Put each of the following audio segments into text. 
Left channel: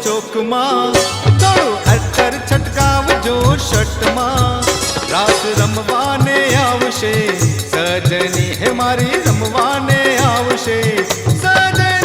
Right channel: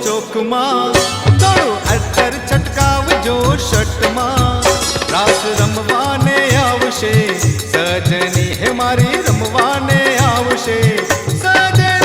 ચોક માં, થોડું અત્તર છટકાવજો શર્ટ માં, રાસ રમવાને આવશે સજની, હે મારી રમવાને આવશે સજની।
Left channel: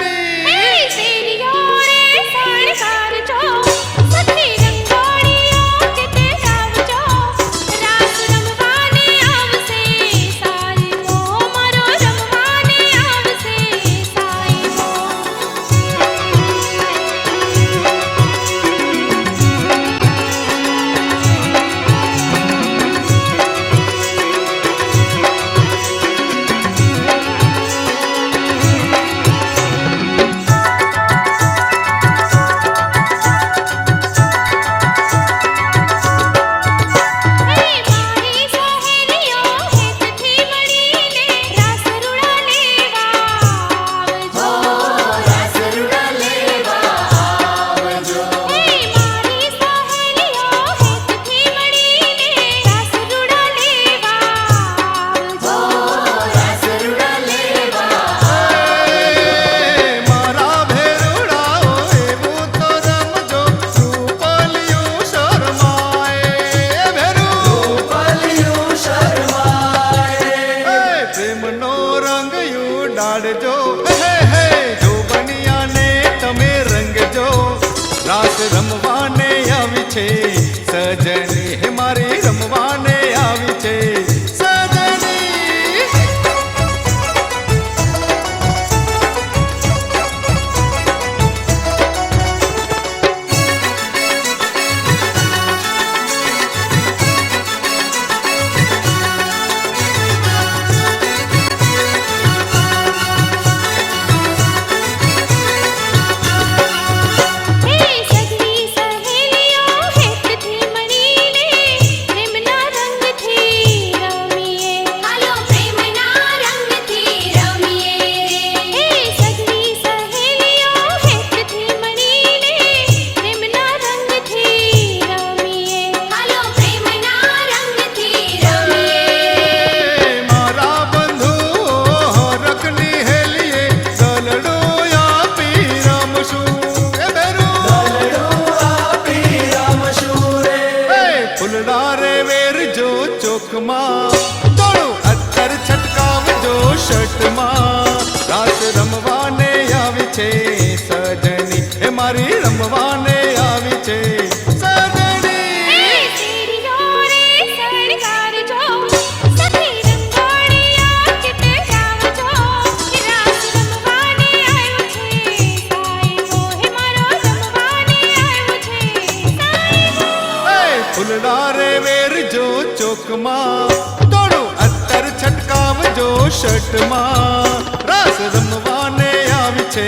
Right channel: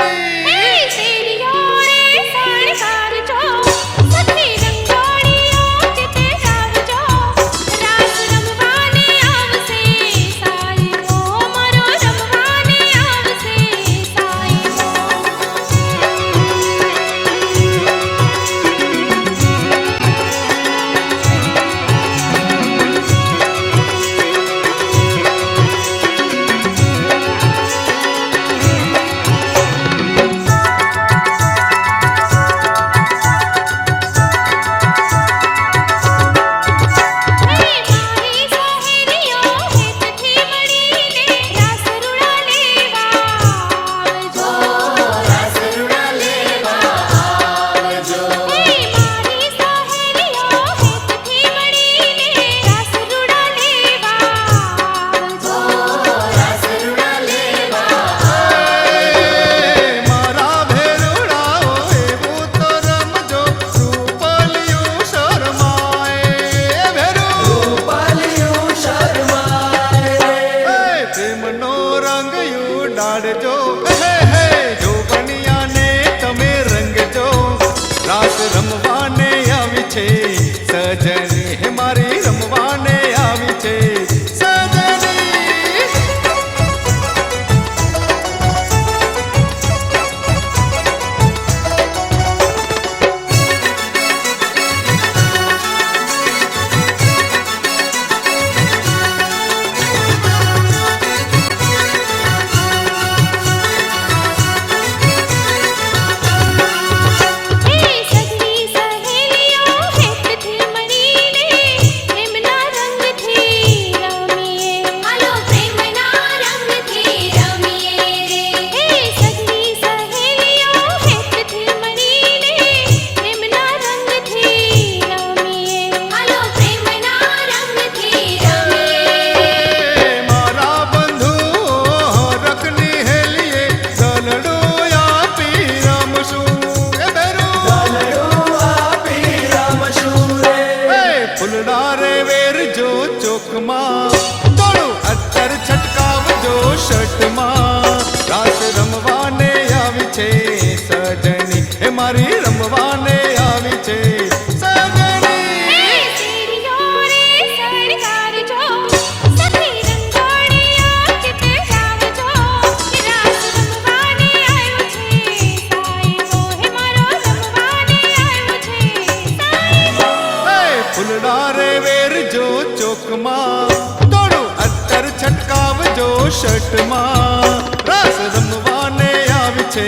પ્રેમનો રંગ ઉડાડજો, હે હે જો બનિયાને તમે રંગજો, રાસ રમવાને આવી છે સજની, હે મારી રમવાને આવી છે સજની। ફૂલડા રે વેરજો ચોક માં, થોડું અત્તર છટકાવજો શર્ટ માં, રાસ રમવાને આવી છે સજની, હે મારી રમવાને આવી છે સજની। ફૂલડા રે વેરજો ચોક માં, થોડું અત્તર છટકાવજો શર્ટ માં, રાસ રમવાને આવી છે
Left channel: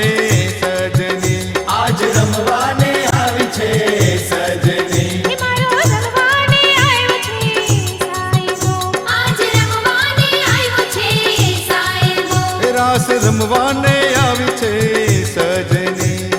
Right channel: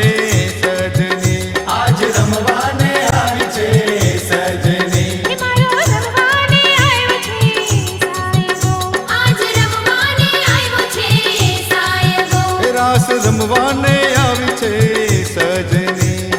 સજની, આજ રમવાને આવી છે સજની, હે મારો રમવાને આવ્યો છે સાયબો, આજ રમવાને આવ્યો છે સાયબો, રાસ રમવાને આવી છે સજની।